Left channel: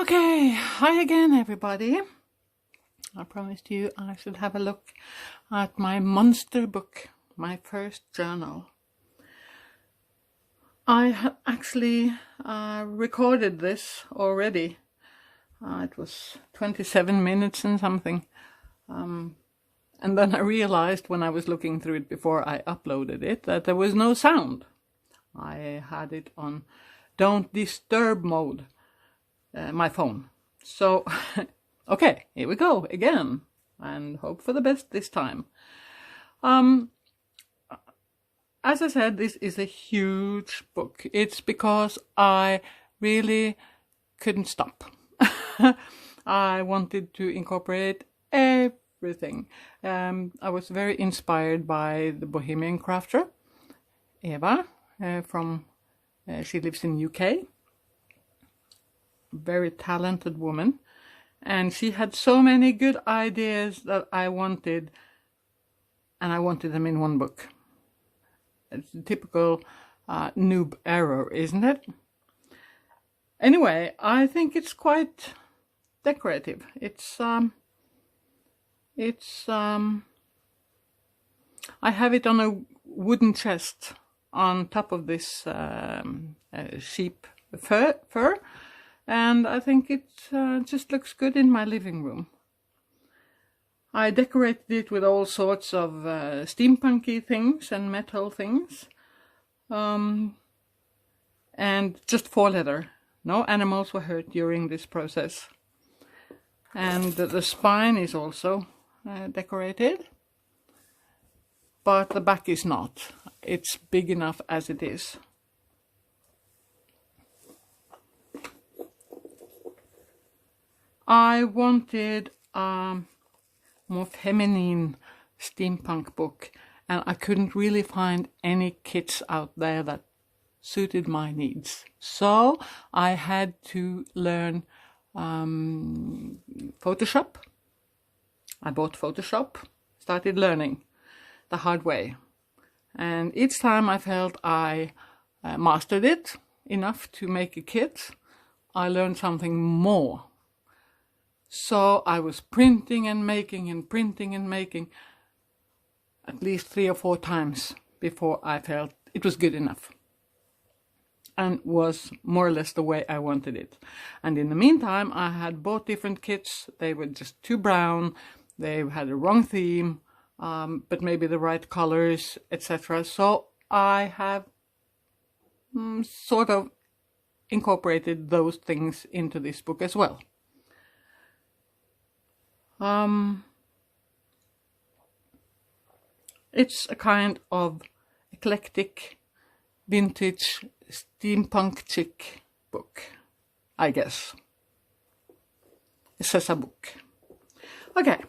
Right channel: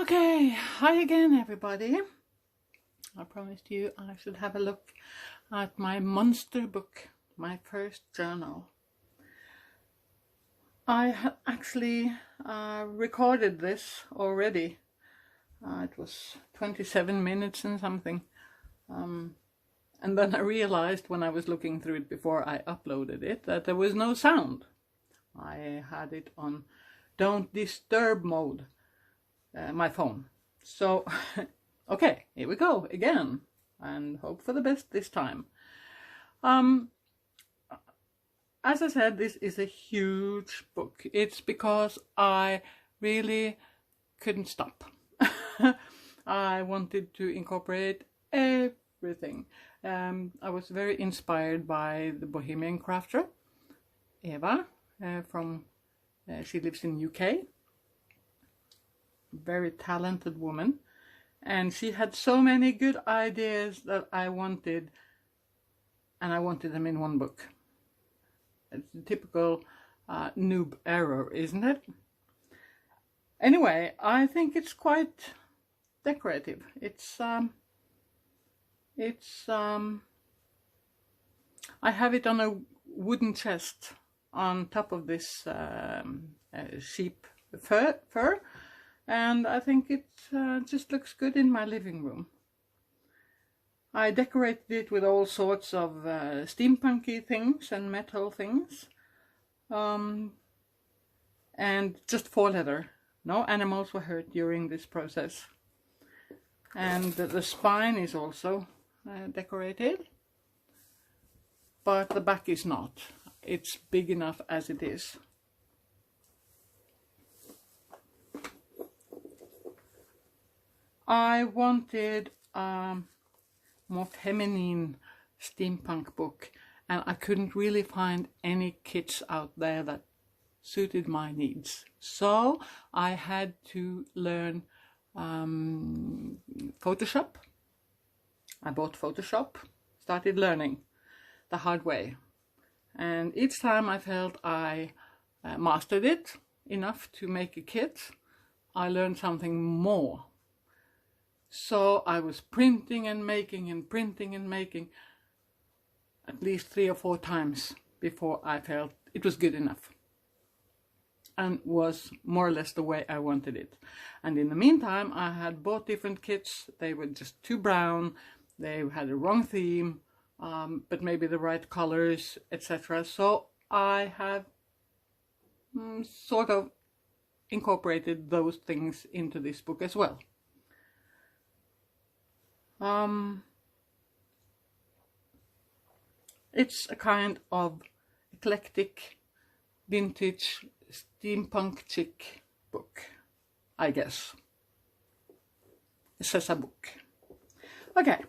Okay, hi again everybody. I promised you I should have a look at my monster book, my first journal. I actually recorded this already. It was 27 minutes and something. And then I realized when I was looking through it before I uploaded it that there was no sound. I had it on don't disturb mode, my phone. So, okay, here we go again, and hope for the best this time. As I said, this is a huge book. It's because I really couldn't stop. I wanted to incorporate everything. I was very inspired by the Bohemian Crafter, Eva, she lives in UK. Very talented woman, and she had so many good ideas that I wanted, and I wanted them in one book. It's a typical noob error, isn't it? Anyway, I think it's quite decorative. I have it on a wooden chest on top of this sheep fur, and I think it just looks good in my living room. I decorated it with all sorts of steampunky things and metal things, and just for leather. No animals were hurt during this process. And the spine is also decorated, but the back is not. It's big enough as it is. I wanted a more feminine steampunk book, and I couldn't really find any kits out there that suited my needs. So I had to learn Photoshop. I bought Photoshop, started learning the hard way. And each time I felt I mastered it enough to make a kit, I learned something more. So I was printing and making and printing and making at least 3 or 4 times before I felt it was good enough and was more or less the way I wanted it. And in the meantime, I had bought different kits. They were just too brown, they had a wrong theme, but maybe the right colors, etc. So I have sort of incorporated those things into this book as well. It's a kind of eclectic vintage steampunk chic book, I guess. It says a book. Okay.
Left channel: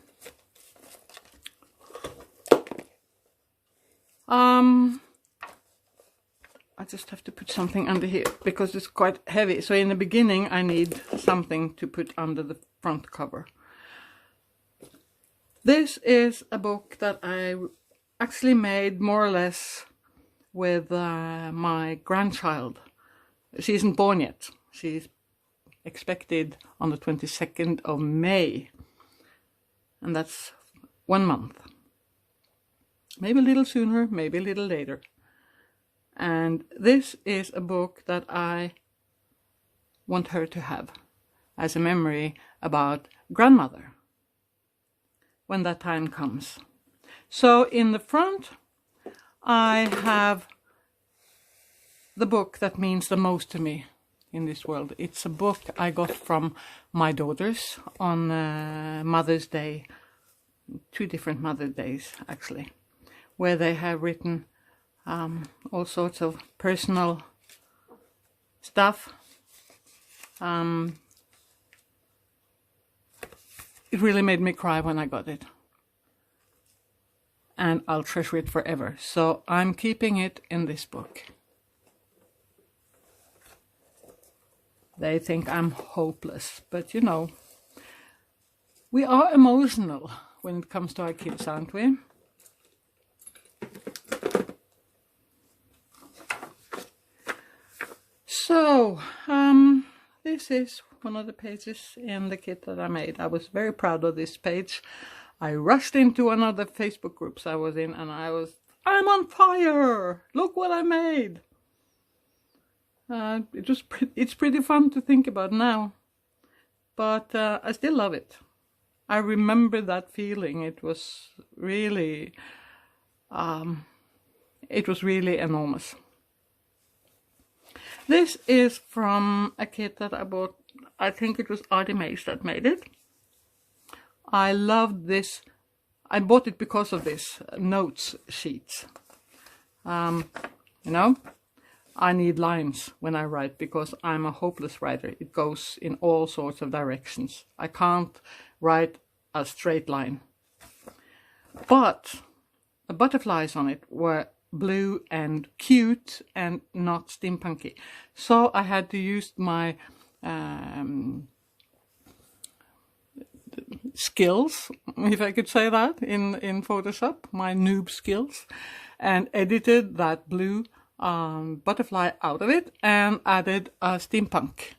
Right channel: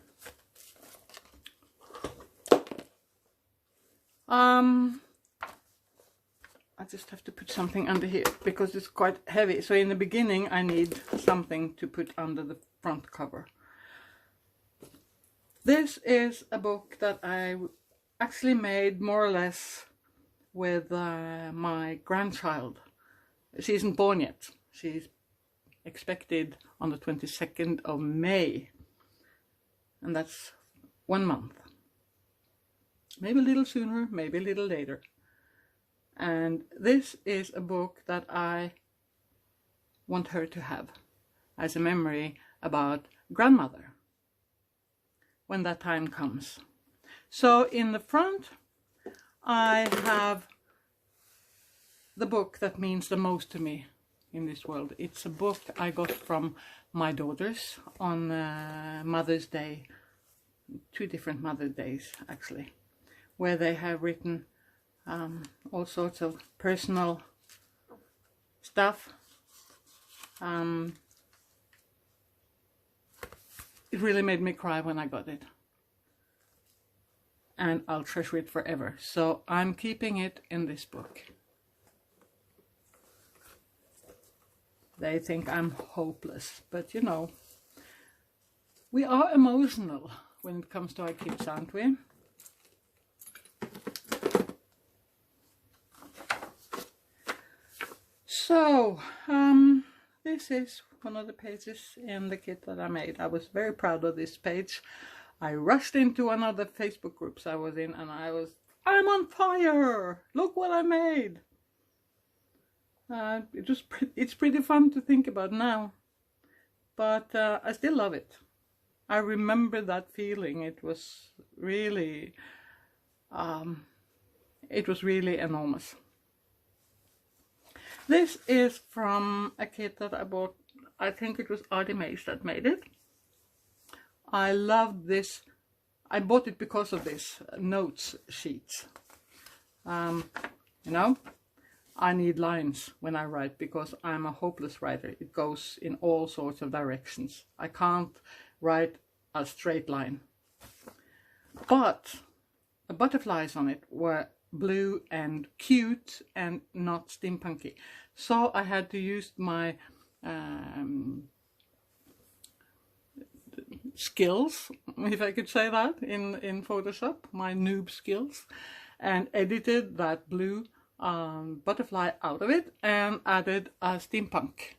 I just have to put something under here because it's quite heavy. So in the beginning I need something to put under the front cover. This is a book that I actually made more or less with my grandchild. She isn't born yet. She's expected on the 22nd of May. And that's 1 month. Maybe a little sooner, maybe a little later. And this is a book that I want her to have as a memory about grandmother when that time comes. So in the front I have the book that means the most to me in this world. It's a book I got from my daughters on Mother's Day, 2 different Mother's Days actually, where they have written all sorts of personal stuff. It really made me cry when I got it. And I'll treasure it forever. So I'm keeping it in this book. They think I'm hopeless, but you know, we are emotional when it comes to our kids, aren't we? So, this is one of the pages in the kit that I made. I was very proud of this page. I rushed into one of the Facebook groups I was in and I'm on fire! Look what I made! It's pretty fun to think about now, but I still love it. I remember that feeling. It was really enormous. This is from a kit that I bought. I think it was ArtyMAZE that made it. I loved this. I bought it because of this notes sheet. You know, I need lines when I write because I'm a hopeless writer. It goes in all sorts of directions. I can't write a straight line. But the butterflies on it were blue and cute and not steampunky. So I had to use my skills, if I could say that, in Photoshop, my noob skills, and edited that blue butterfly out of it and added a steampunk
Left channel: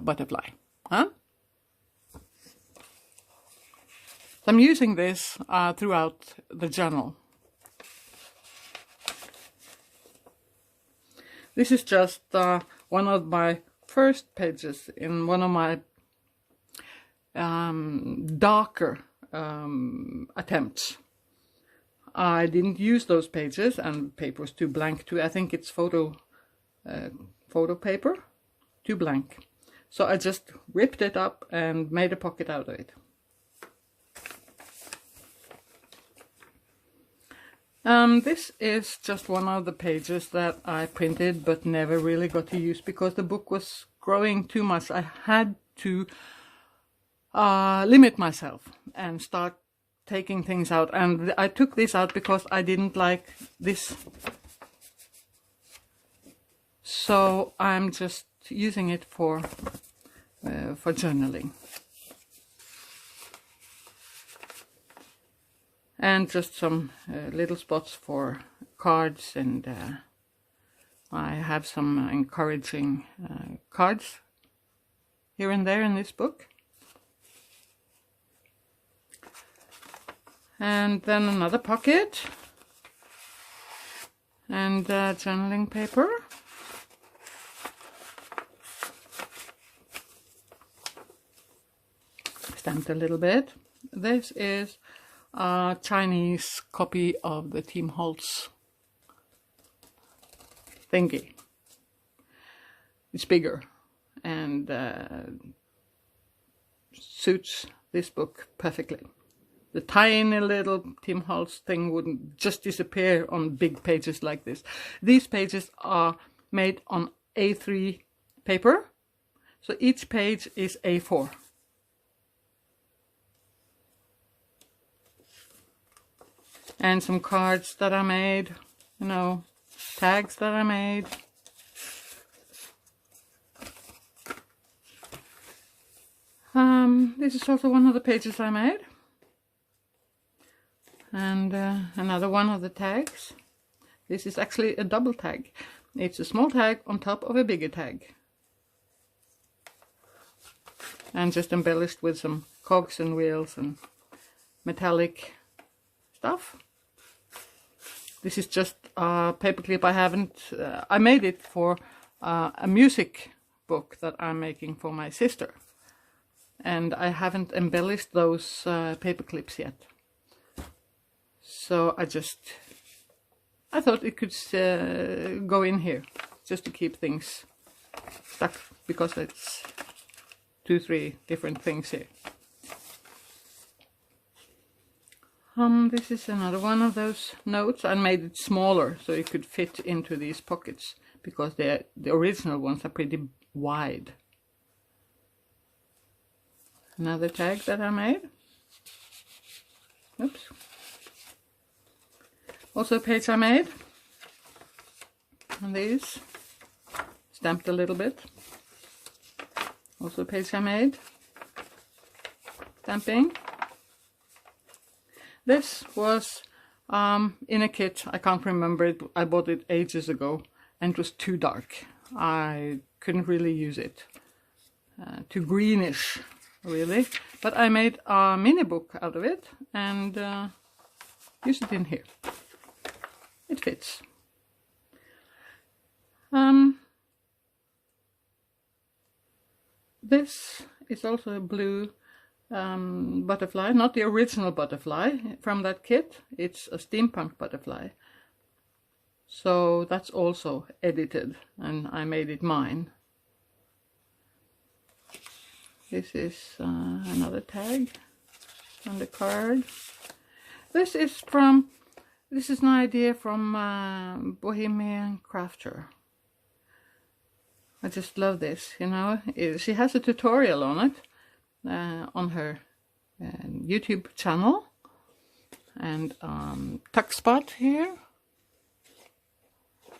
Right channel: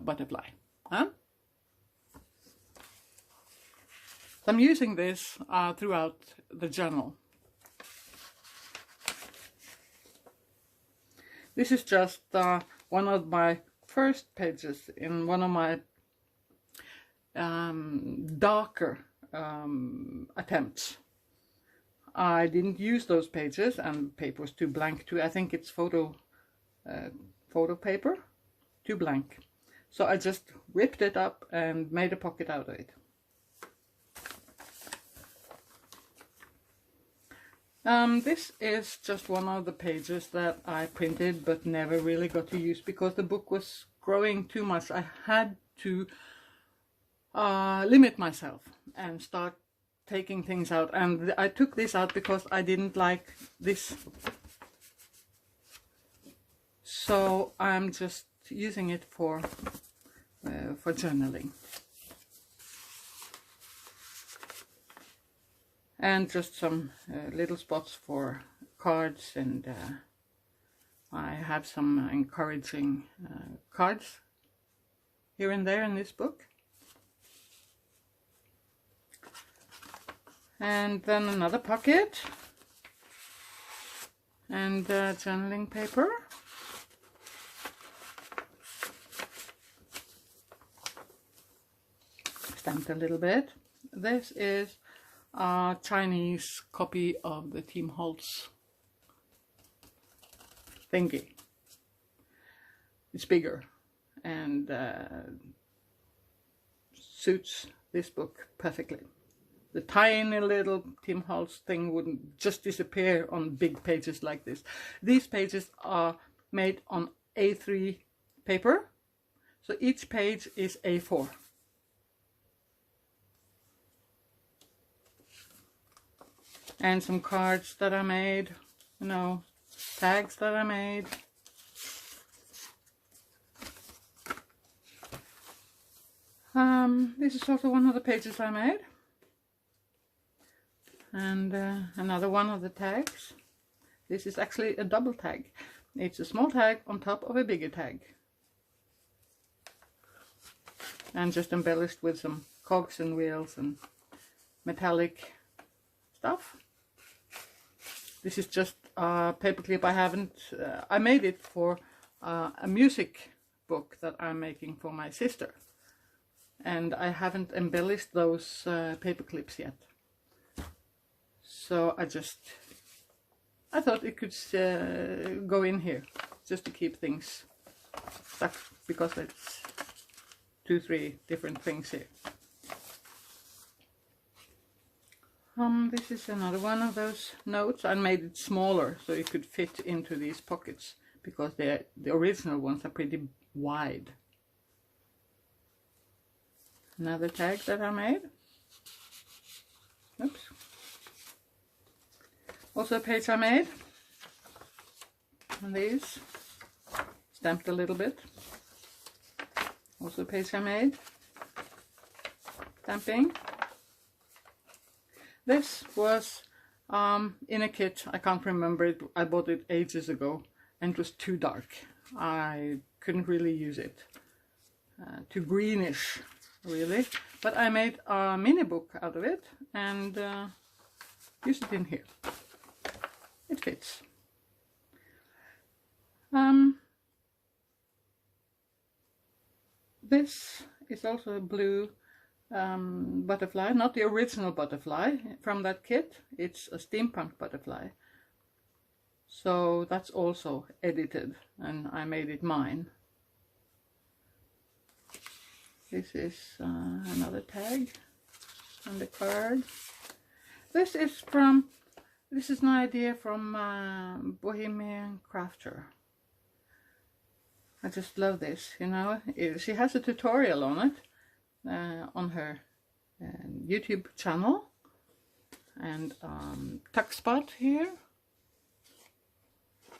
butterfly. Huh? So I'm using this throughout the journal. This is just one of my first pages in one of my darker attempts. I didn't use those pages and the paper was too blank too. I think it's photo paper, too blank. So I just ripped it up and made a pocket out of it. This is just one of the pages that I printed but never really got to use because the book was growing too much. I had to limit myself and start taking things out, and I took this out because I didn't like this, so I'm just using it for journaling and just some little spots for cards, and I have some encouraging cards here and there in this book. And then another pocket and journaling paper. Stamped a little bit. This is a Chinese copy of the Team Holtz thingy. It's bigger and suits this book perfectly. The tiny little Team Holtz thing wouldn't just disappear on big pages like this. These pages are made on A3 paper, so each page is A4. And some cards that I made, you know, tags that I made. This is also one of the pages I made. And another one of the tags. This is actually a double tag. It's a small tag on top of a bigger tag. And just embellished with some cogs and wheels and metallic stuff. This is just a paperclip. I made it for a music book that I'm making for my sister. And I haven't embellished those paper clips yet. So I thought it could go in here just to keep things stuck, because it's 2-3 different things here. This is another one of those notes. I made it smaller so it could fit into these pockets because the original ones are pretty wide. Another tag that I made. Oops. Also a page I made. And these. Stamped a little bit. Also a page I made. Stamping. This was in a kit. I can't remember it. I bought it ages ago and it was too dark. I couldn't really use it. too greenish, really. But I made a mini book out of it and use it in here. It fits. This is also a blue butterfly, not the original butterfly from that kit. It's a Steampunk Butterfly. So that's also edited and I made it mine. This is another tag on the card. This is an idea from Bohemian Crafter. I just love this, you know. She has a tutorial on it on her YouTube channel, and tuck spot here,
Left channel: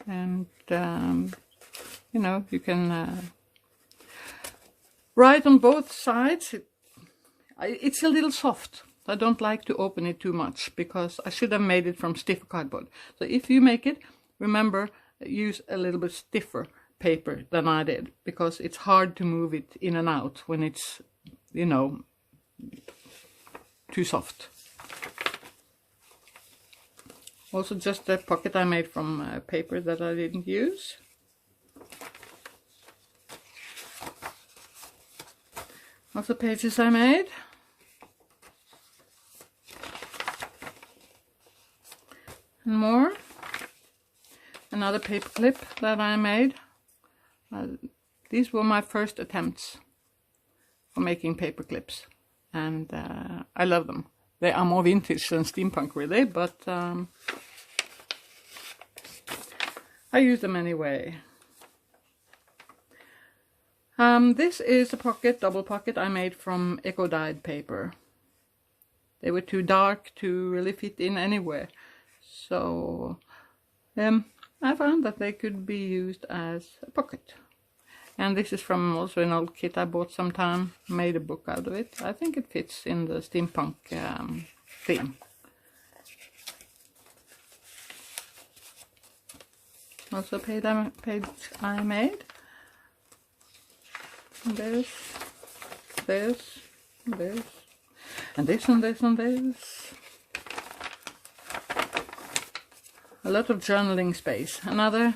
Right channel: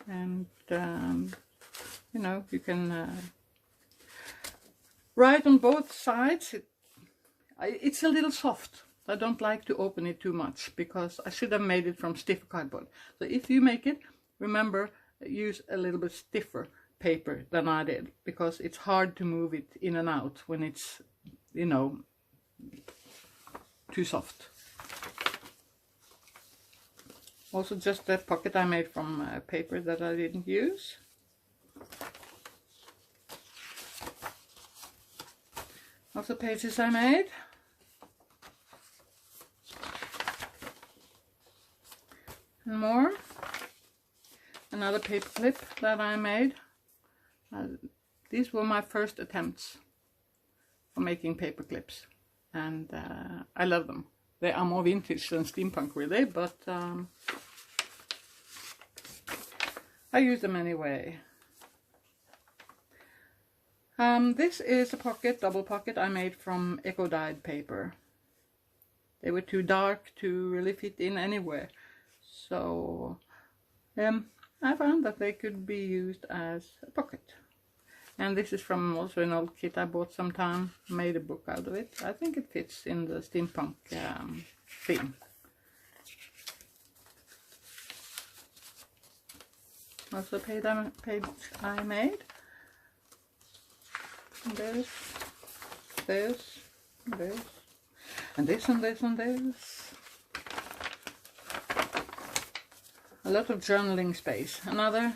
and you know, you can write on both sides. It's a little soft. I don't like to open it too much because I should have made it from stiff cardboard. So if you make it, remember, use a little bit stiffer paper than I did, because it's hard to move it in and out when it's, you know, too soft. Also just a pocket I made from paper that I didn't use. Also pages I made. And more. Another paper clip that I made. These were my first attempts for making paper clips, and I love them. They are more vintage than steampunk, really, but I use them anyway. This is a pocket, double pocket, I made from eco-dyed paper. They were too dark to really fit in anywhere, so I found that they could be used as a pocket. And this is from also an old kit I bought sometime, made a book out of it. I think it fits in the steampunk theme. Also page I made. This, and this, and this, and this, and this. A lot of journaling space. Another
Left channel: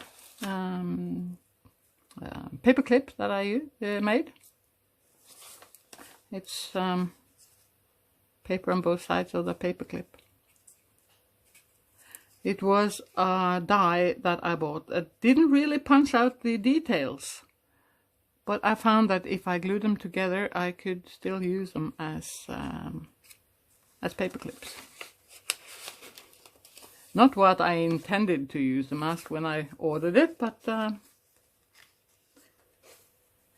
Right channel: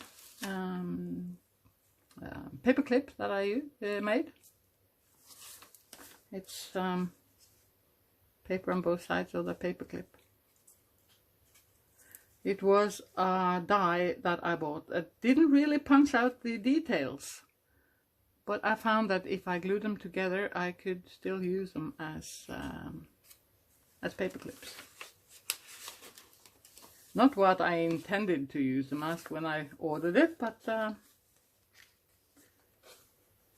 paper clip that I made. It's paper on both sides of the paper clip. It was a die that I bought that didn't really punch out the details, but I found that if I glued them together I could still use them as paper clips. Not what I intended to use them as when I ordered it, but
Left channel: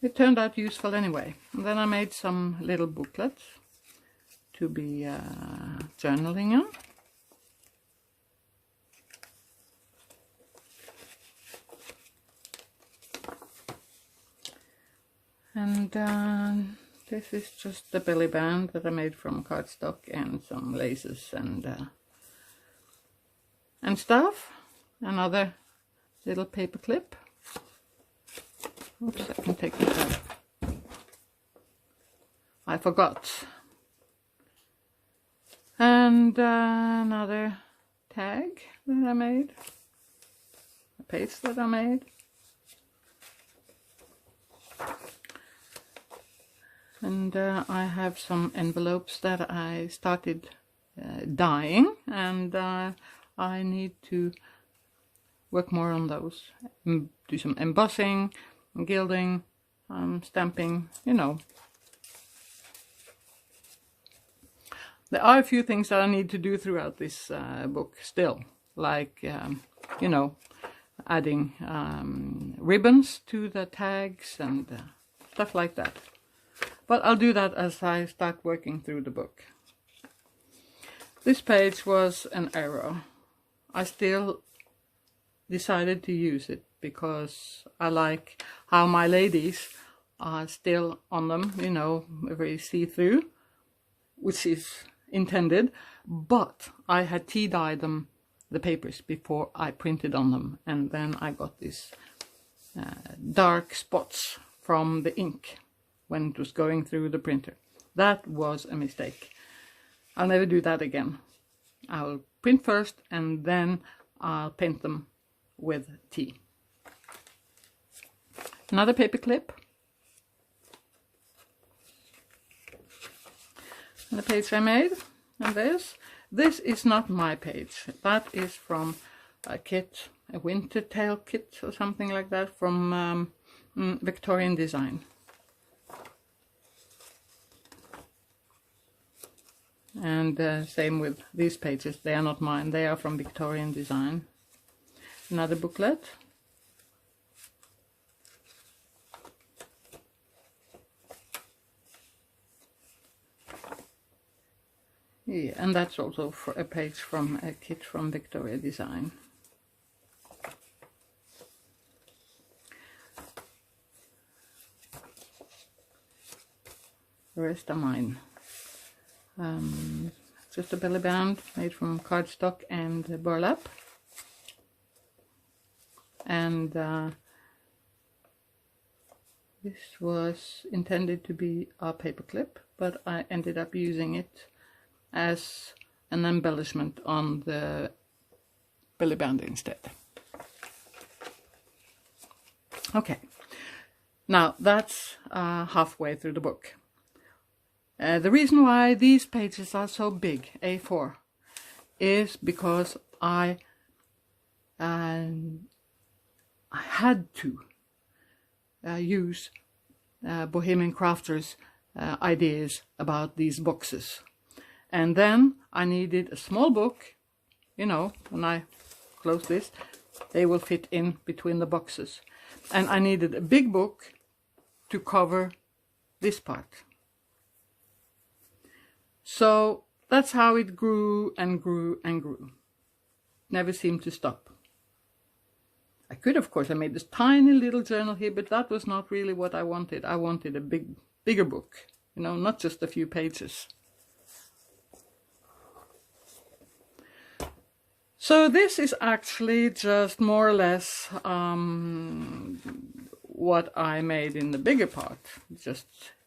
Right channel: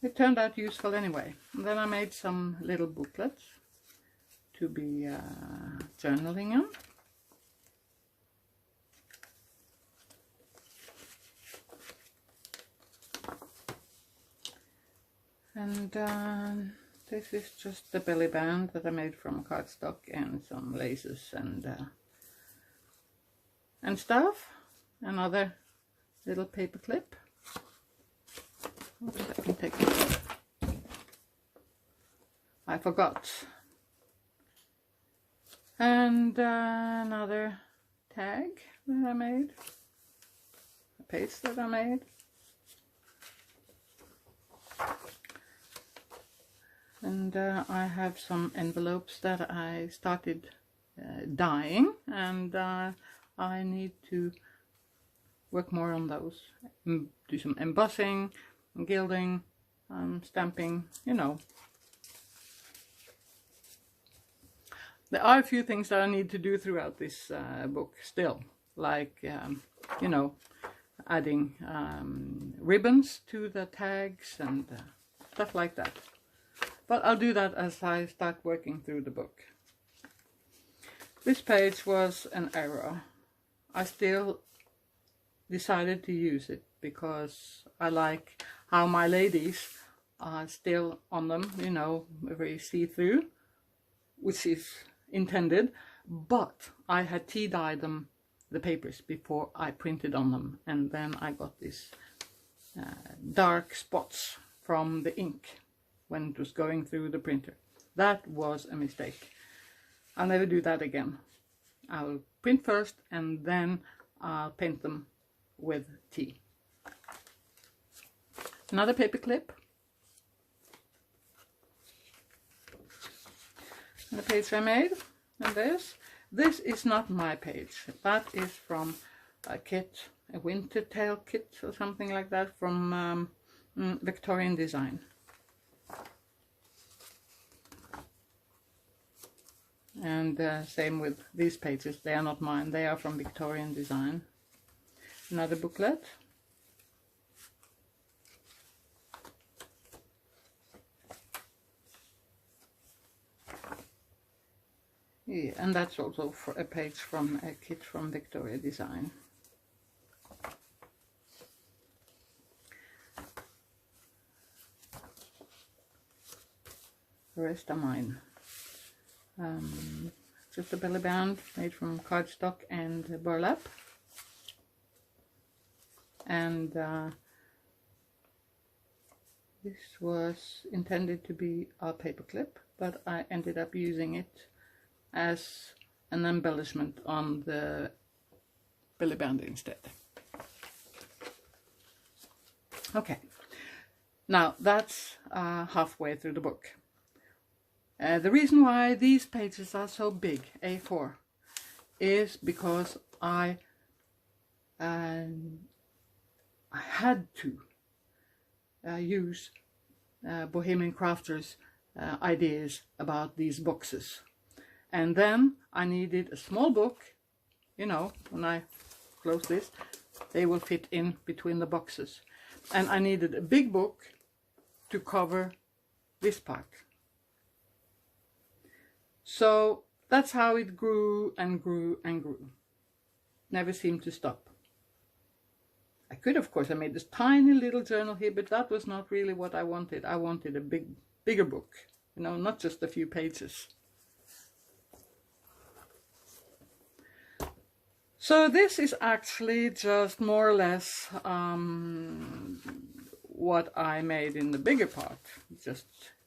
it turned out useful anyway. And then I made some little booklets to be journaling on. And this is just the belly band that I made from cardstock and some laces and stuff. Another little paper clip. Oops, I can take this off. I forgot. And another tag that I made. A page that I made. And I have some envelopes that I started dyeing, and I need to work more on those. Do some embossing, gilding, stamping, you know. There are a few things that I need to do throughout this book still, like, you know, adding ribbons to the tags and stuff like that. But I'll do that as I start working through the book. This page was an error. I still decided to use it because I like how my ladies are still on them, you know, very see-through, which is intended, but I had tea dyed them, the papers, before I printed on them, and then I got these dark spots from the ink. when it was going through the printer. That was a mistake. I'll never do that again. I'll print first and then I'll paint them with tea. Another paper clip. And the page I made. And this is not my page. That is from a kit, a winter tale kit or something like that from Vectoria Designs. And same with these pages, they are not mine, they are from Vectoria Designs. Another booklet. Yeah, and that's also for a page from a kit from Vectoria Designs. The rest are mine. Just a belly band made from cardstock and burlap. And this was intended to be a paperclip, but I ended up using it as an embellishment on the belly band instead. Okay, now that's halfway through the book. The reason why these pages are so big, A4, is because I had to use Bohemian Crafters' ideas about these boxes. And then I needed a small book, you know, when I close this, they will fit in between the boxes. And I needed a big book to cover this part. So that's how it grew and grew and grew. Never seemed to stop. I could, of course, I made this tiny little journal here, but that was not really what I wanted. I wanted a bigger book, you know, not just a few pages. So this is actually just more or less what I made in the bigger part, just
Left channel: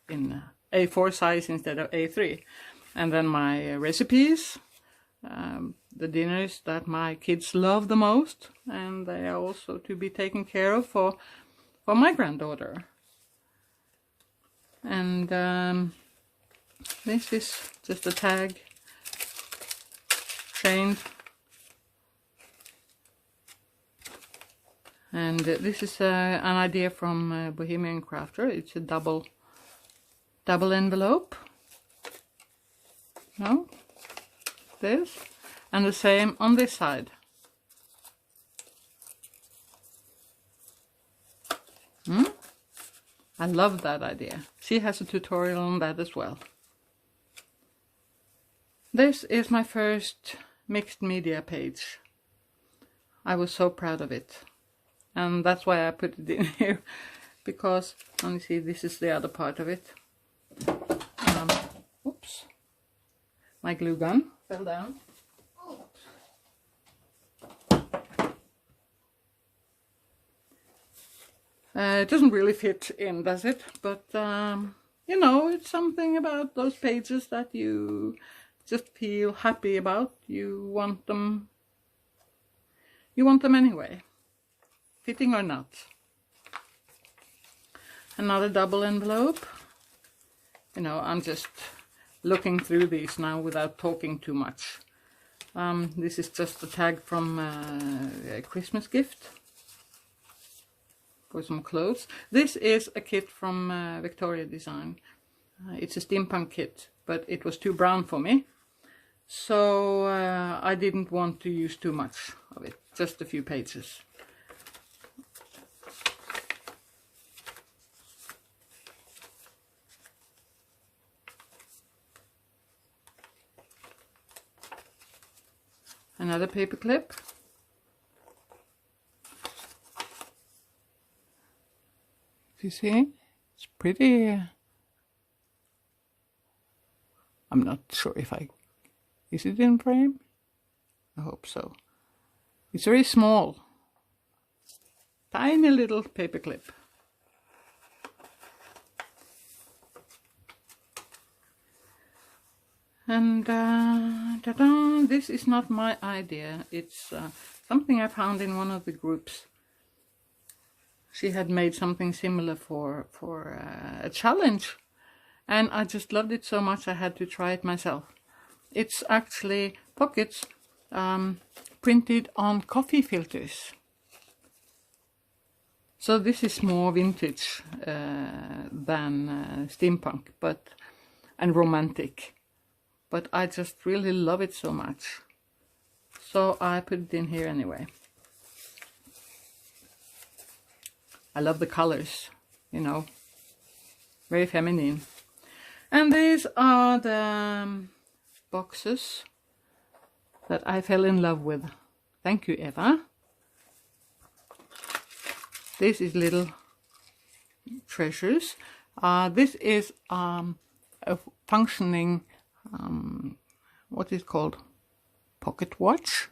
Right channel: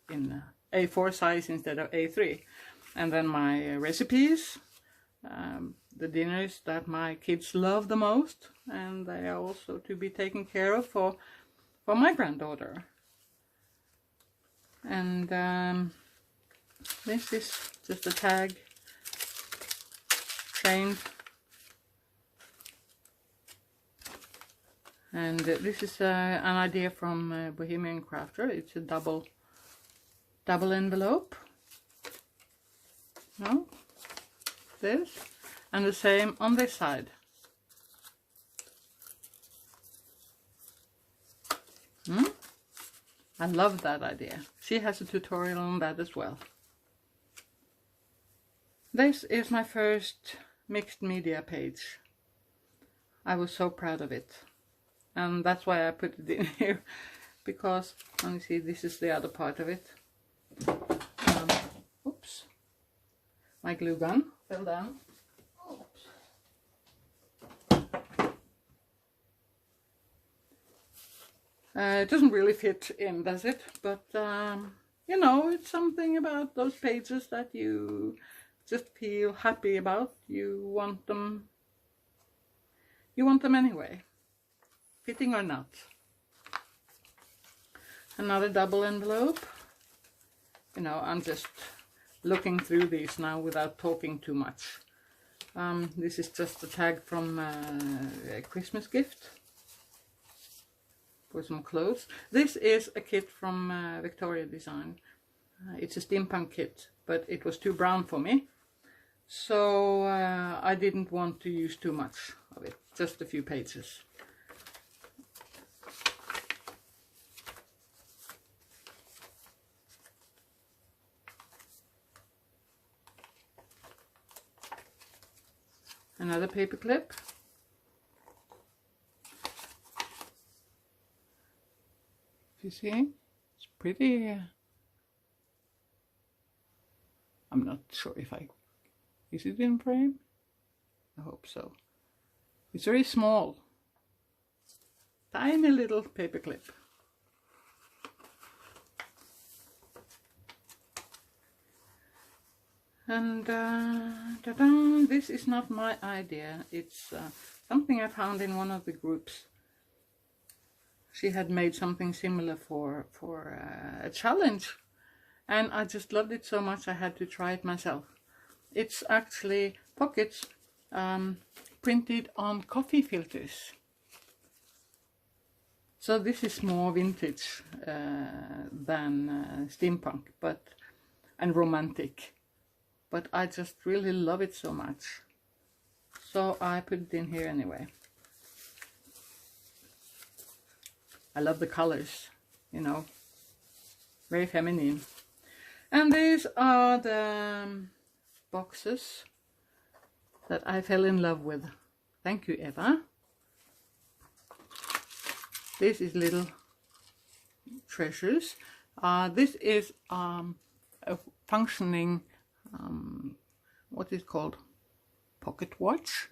in A4 size instead of A3. And then my recipes, the dinners that my kids love the most, and they are also to be taken care of for my granddaughter. And this is just a tag, chained. And this is an idea from Bohemian Crafter. It's a double envelope. No, this, and the same on this side. I love that idea. She has a tutorial on that as well. This is my first mixed media page. I was so proud of it. And that's why I put it in here. Because, let me see, this is the other part of it. Oops. My glue gun fell down. It doesn't really fit in, does it? But, you know, it's something about those pages that you just feel happy about. You want them anyway, fitting or not. Another double envelope. You know, I'm just looking through these now without talking too much. This is just a tag from a Christmas gift for some clothes. This is a kit from Vectoria Designs. It's a steampunk kit, but it was too brown for me, so I didn't want to use too much of it, just a few pages. Another paper clip. You see, it's pretty. I'm not sure if is it in frame? I hope so. It's very small, tiny little paper clip. And ta-da, this is not my idea. It's something I found in one of the groups. She had made something similar for a challenge, and I just loved it so much I had to try it myself. It's actually pockets printed on coffee filters. So this is more vintage than steampunk, and romantic. But I just really love it so much. So I put it in here anyway. I love the colors, you know, very feminine. And these are the boxes that I fell in love with. Thank you, Eva. This is little treasures. This is a functioning, what is called pocket watch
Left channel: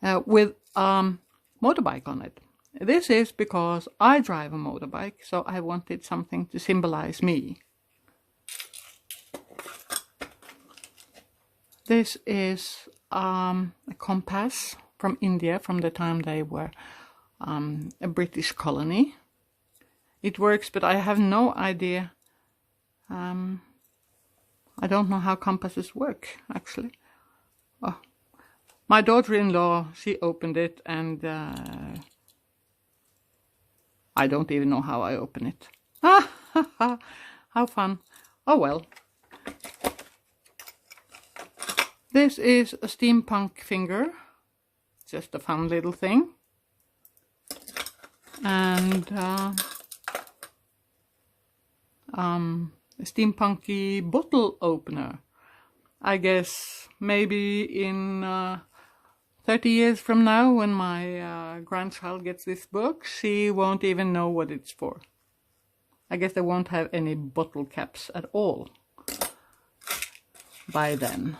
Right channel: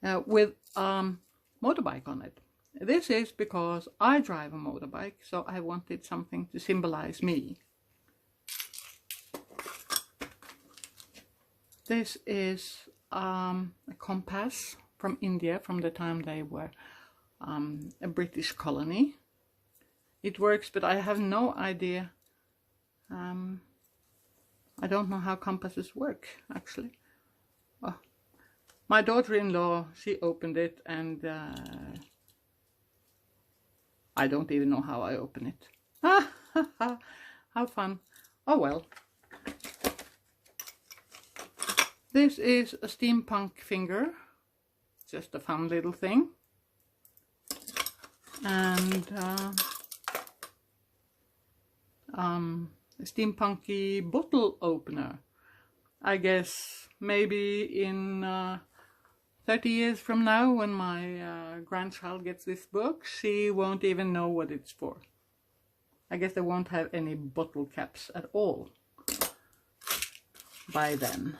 with motorbike on it. This is because I drive a motorbike, so I wanted something to symbolize me. This is a compass from India, from the time they were a British colony. It works, but I have no idea. I don't know how compasses work, actually. Oh. My daughter-in-law, she opened it, and I don't even know how I open it. How fun. Oh well. This is a Steampunk Finger. Just a fun little thing. And a steampunky bottle opener. I guess maybe in 30 years from now, when my grandchild gets this book, she won't even know what it's for. I guess they won't have any bottle caps at all by then.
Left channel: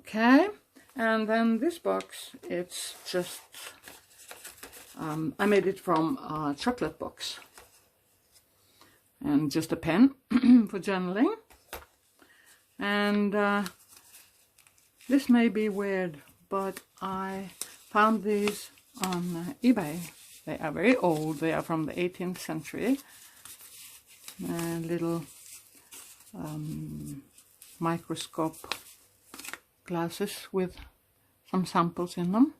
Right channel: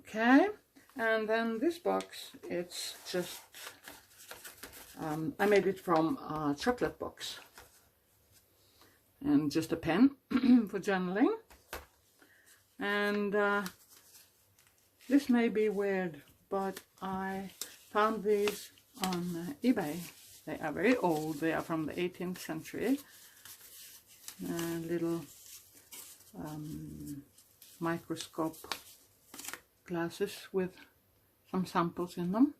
Okay, and then this box, it's just, I made it from a chocolate box. And just a pen for journaling. And this may be weird, but I found these on eBay. They are very old. They are from the 18th century. Little microscope glasses with some samples in them.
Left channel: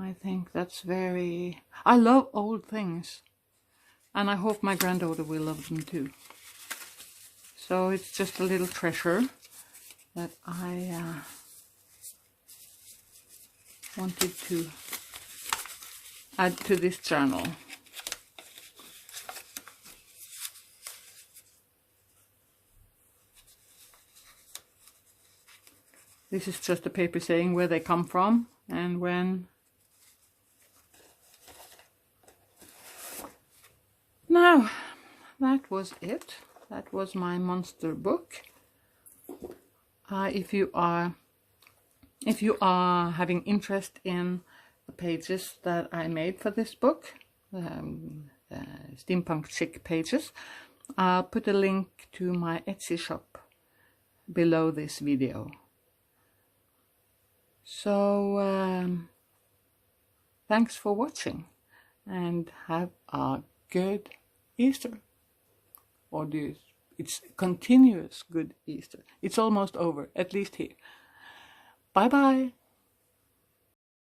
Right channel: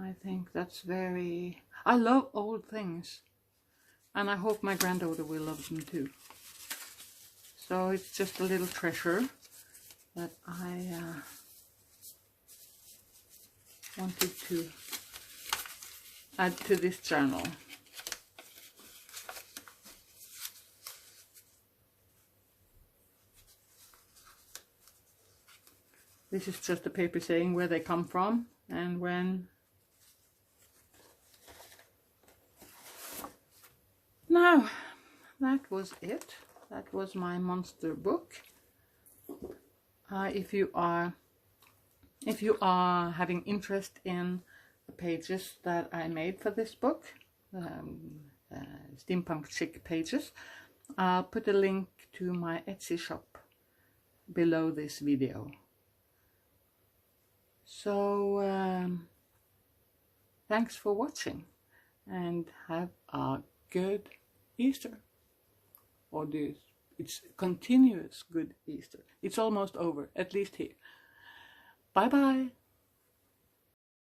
I think that's very... I love old things. And I hope my granddaughter will love them too. So it's just a little treasure that I wanted to add to this journal. This is just a paper saying where they come from and when. Now, that was it. That was my monster book. If you are having interest in the pages that I made for this book, Steampunk Chic pages, I'll put a link to my Etsy shop below this video. So thanks for watching and have a good Easter. Or it's continuous good Easter. It's almost over, at least here. Bye bye.